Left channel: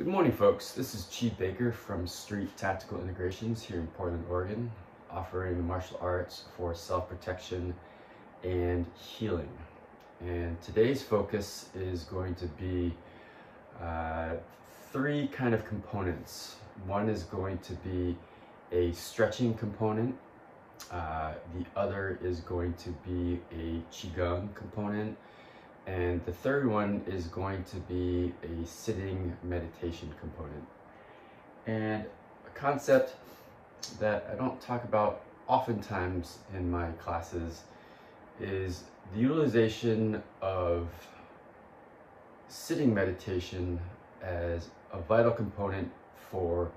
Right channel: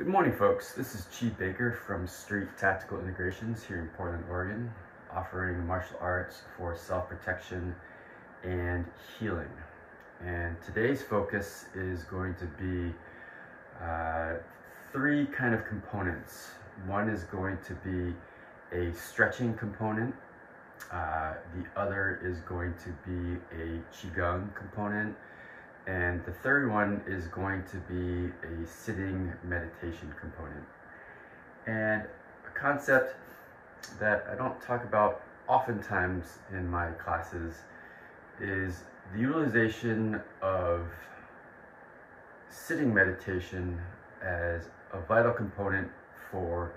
Good morning, folks. This is Chi Baker from Street Tactical Integrations here in Portland, Oregon, offering martial arts for self-protection and healing. And today's focus is going to be three kind of components. One is going to be a stretching component. The other is going to be a Qigong component. And the third one is going to be a sitting meditation component. And a concept that I don't talk about oftentimes in my classes is the utilization of sitting meditation as a vital component for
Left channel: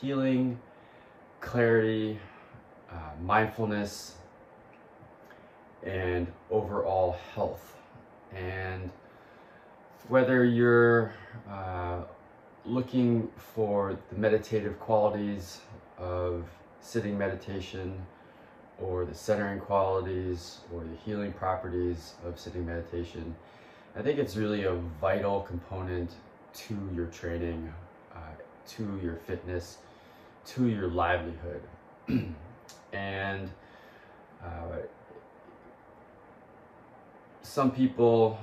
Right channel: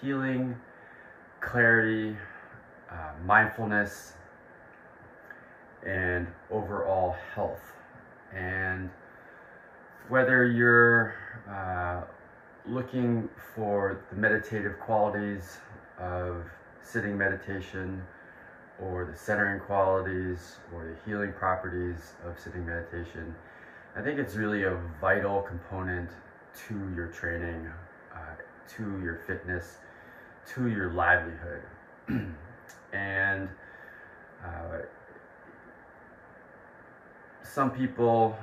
healing, clarity, mindfulness, and overall health. And whether you're looking for the meditative qualities of sitting meditation, or the centering qualities, or the healing properties of sitting meditation, I think it's really a vital component to your training, to your fitness, to your livelihood. And some people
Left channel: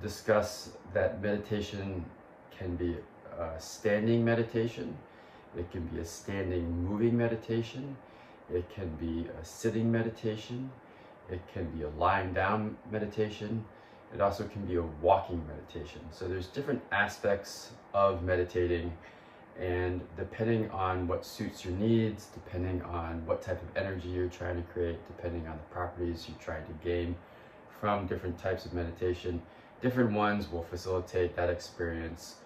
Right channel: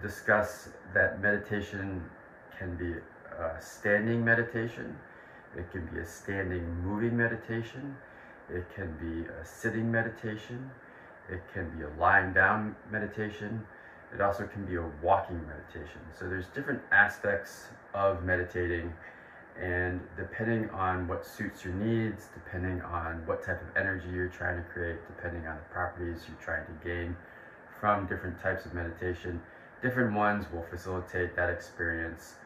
discuss that meditation can be a standing meditation, it can be a standing moving meditation, it can be a sitting meditation, it can be a lying down meditation, it also can be a walking meditation. So there's different aspects of meditating, and depending on what suits your needs, depending on what type of energy you're trying to create, depending on the properties you're trying to gain from different types of meditation, different ones will facilitate that experience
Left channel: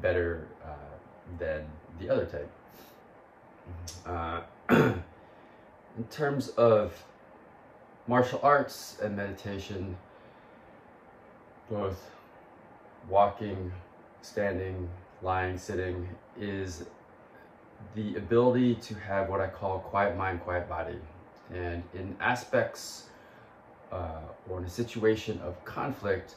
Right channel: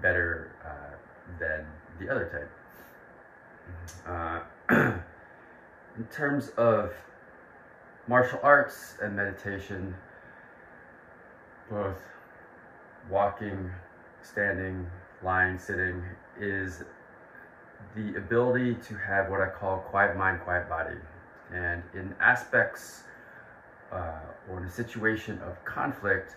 better than the other type. In terms of martial arts and meditation, both walking, standing, lying, sitting, is the ability to have what I call quiet mind, quiet body. And in aspects or in a situation of conflict,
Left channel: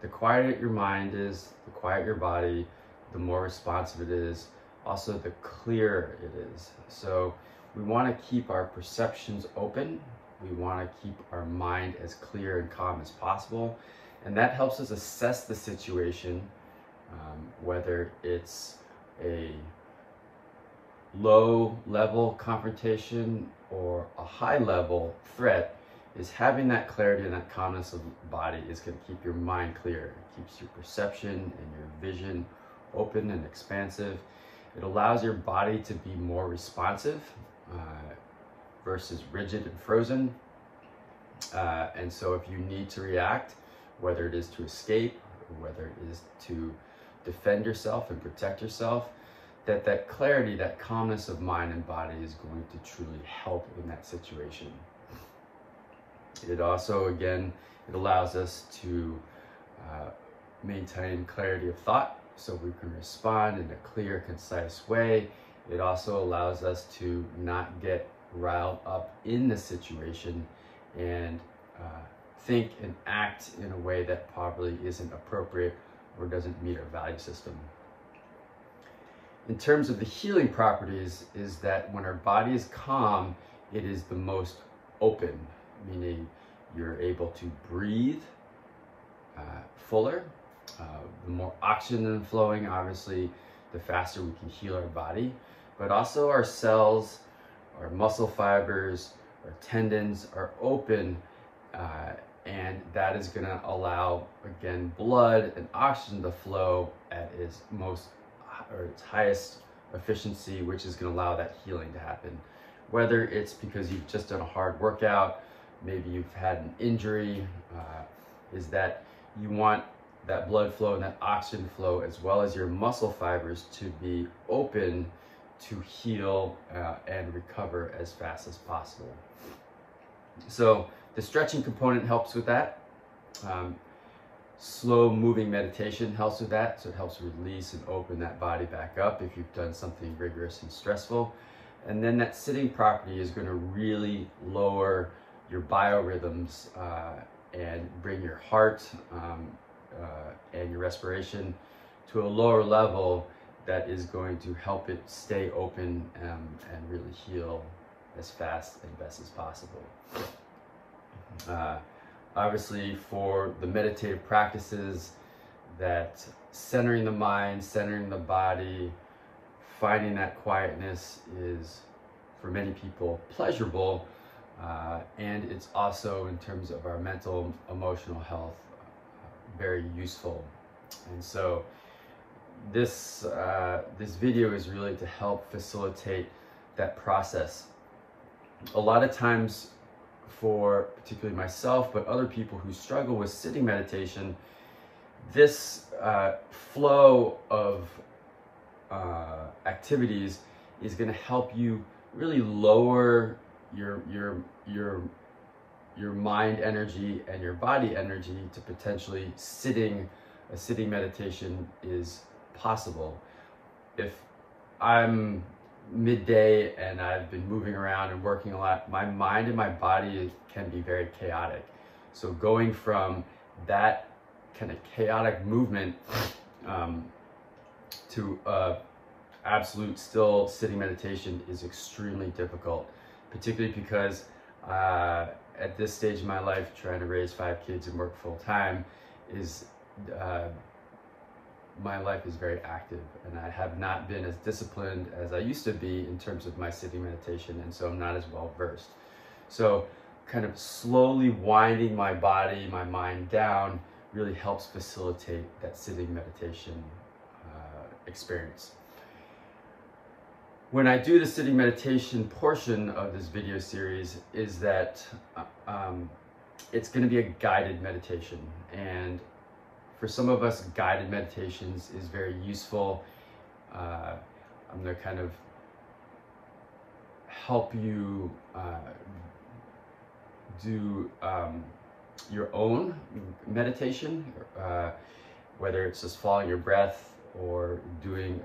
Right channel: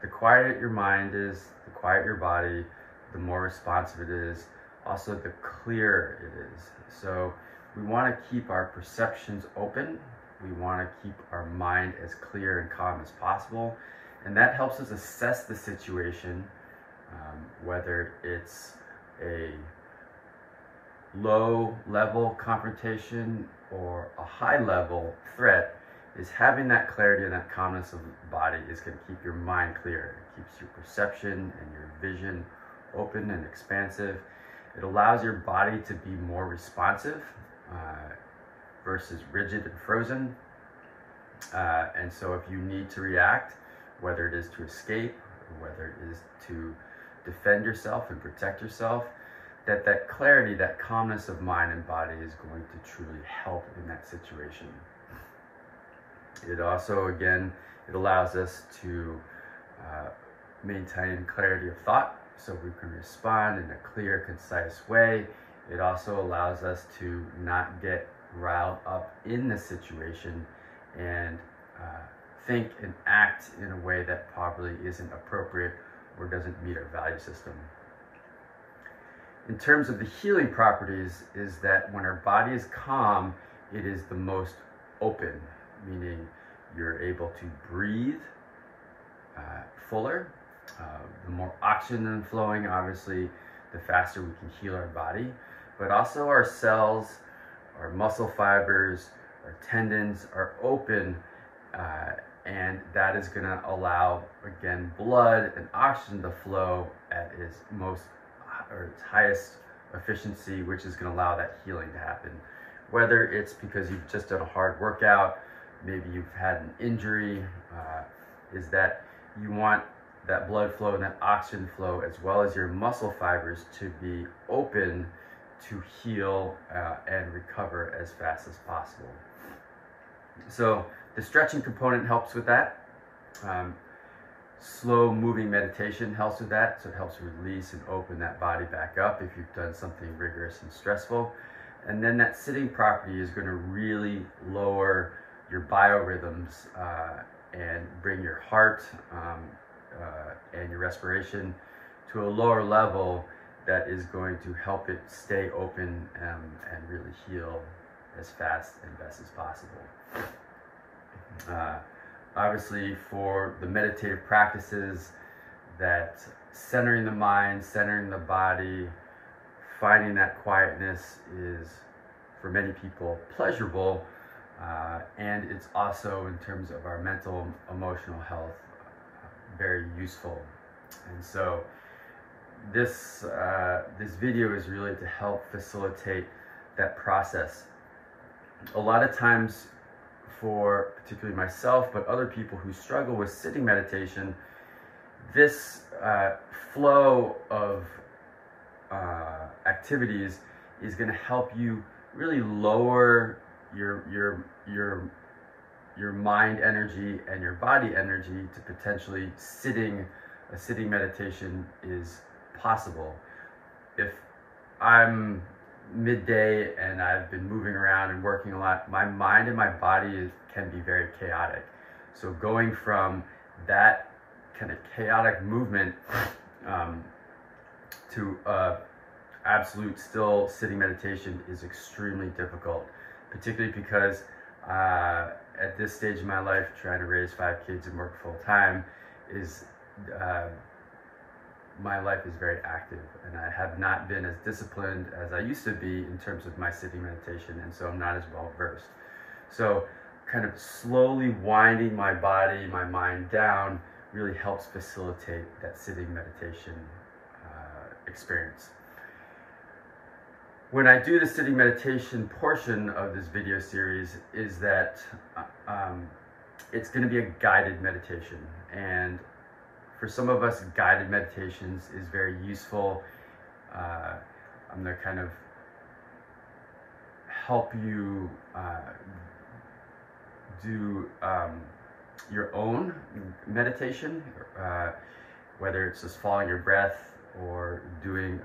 the quieter your mind is, the quieter your body, the more responsive it is, also the clearer it is. So we want to keep our perceptions open, we want to keep our mind as clear and calm as possible, and that helps us assess the situation, whether it's a low level confrontation or a high level threat. Is having that clarity and that calmness of the body is going to keep your mind clear. It keeps your perception and your vision open and expansive. It allows your body to be more responsive versus rigid and frozen. And so if you need to react, whether it is to escape or whether it is to defend yourself and protect yourself, that clarity, that calmness of mind and body is going to truly help in that situation. It also, again, it allows us to maintain clarity of thought so we can respond in a clear, concise way. It also allows us to not get riled up in the situation and think and act in a way that probably isn't appropriate or doesn't meet our value system. In terms of the healing properties, is that when our body is calm, it is the most open, meaning you're able to breathe fuller. The more oxygen flowing, obviously, the faster we can heal our body, but also our cells, our muscle fibers, our tendons are open, and that is going to allow, again, blood and oxygen to flow at its highest efficiency, which is going to allow that healing to happen. Whether it's because you've just done a hard workout, maybe you've had an injury, is that you want that blood flow and that oxygen flow, as well as your muscle fibers, to be open to heal and recover as fast as possible. So the stretching component helps with that. Slow moving meditation helps with that, so it helps release and open that body back up if you've done something rigorous and stressful. And then that sitting property is going to really lower your biorhythms and bring your heart and your respiration to a lower level that is going to help it stay open and really heal as fast and best as possible. Obviously, for the meditative practices, that centering the mind, centering the body, finding that quietness is, for many people, pleasurable, and it's also, in terms of our mental, emotional health, very useful. And so this video is really to help facilitate that process. A lot of times, for particularly myself, but other people who struggle with sitting meditation, this flow of activities is going to help you really lower your mind energy and your body energy to potentially a sitting meditation is possible. If I'm midday and I've been moving around and working a lot, my mind and my body can be very chaotic. So going from that kind of chaotic movement to absolute still sitting meditation is extremely difficult, particularly because at this stage of my life, trying to raise 5 kids and work full time is my life is very active, and I have not been as disciplined as I used to be in terms of my sitting meditation, and so I'm not as well versed. So kind of slowly winding my body, my mind down really helps facilitate that sitting meditation experience. When I do the sitting meditation portion of this video series is that it's going to be a guided meditation, and for some of us, guided meditations is very useful. I'm going to kind of help you do your own meditation, whether it's just following your breath or doing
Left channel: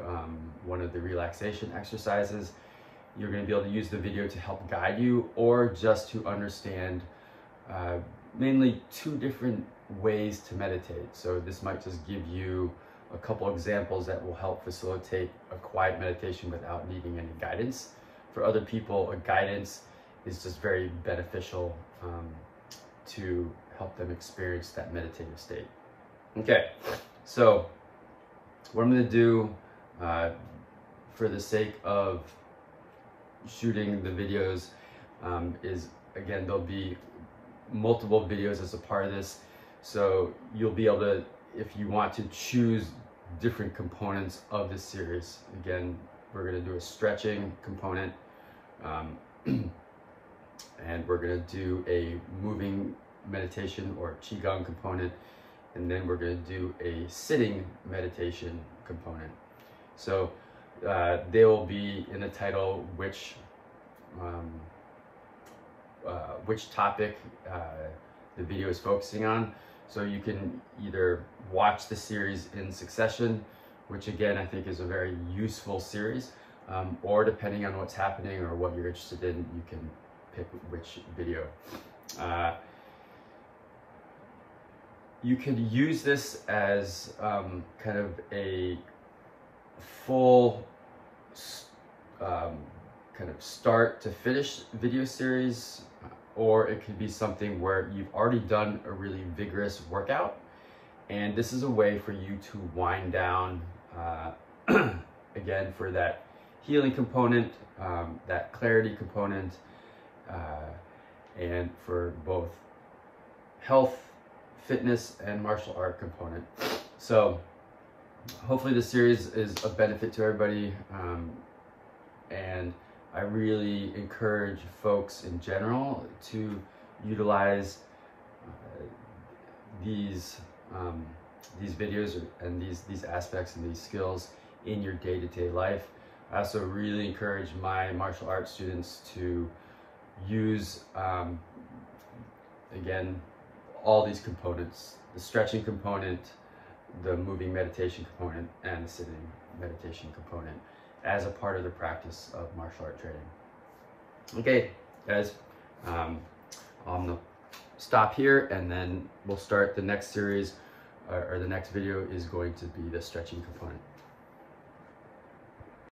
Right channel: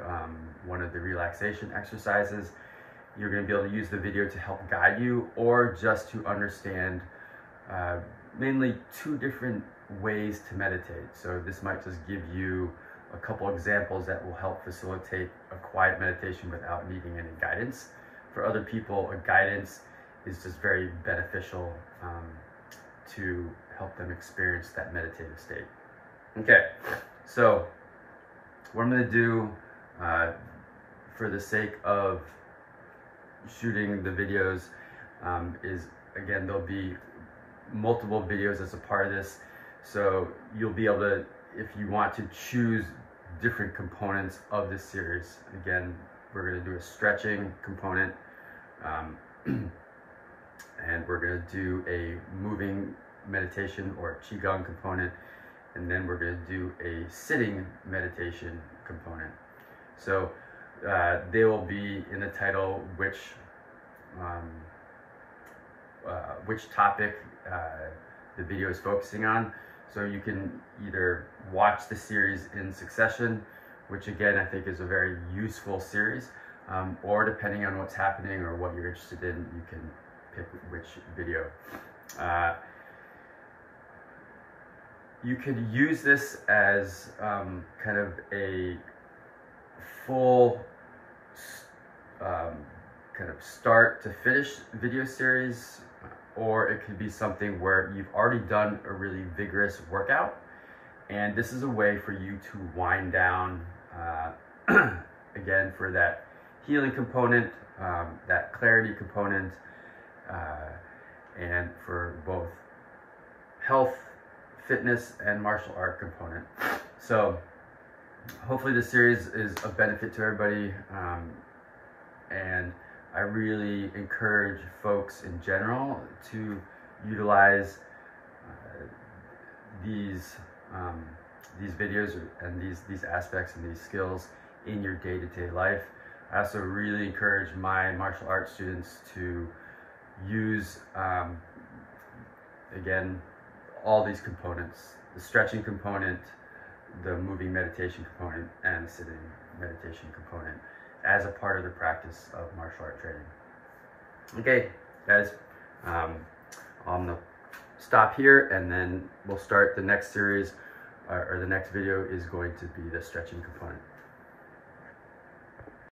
one of the relaxation exercises. You're going to be able to use the video to help guide you, or just to understand mainly 2 different ways to meditate. So this might just give you a couple examples that will help facilitate a quiet meditation without needing any guidance. For other people, a guidance is just very beneficial to help them experience that meditative state. Okay, so what I'm going to do for the sake of shooting the videos is, again, there'll be multiple videos as a part of this. So you'll be able to, if you want to choose different components of this series. Again, we're going to do a stretching component, and we're going to do a moving meditation or Qigong component, and then we're going to do a sitting meditation component. So they will be in the title which topic the video is focusing on. So you can either watch the series in succession, which again I think is a very useful series, or depending on what's happening or what you're interested in, you can pick which video. You could use this as kind of a full kind of start to finish video series, or it could be something where you've already done a really vigorous workout, and this is a way for you to wind down, again, for that healing component, that clarity component, and for both health, fitness, and martial art component. So hopefully this series is of benefit to everybody, and I really encourage folks in general to utilize these videos and these aspects and these skills in your day-to-day life. I also really encourage my martial arts students to use, again, all these components: the stretching component, the moving meditation component, and the sitting meditation component, as a part of the practice of martial art training. Okay, guys, I'm gonna stop here, and then we'll start the next series or the next video is going to be the stretching component.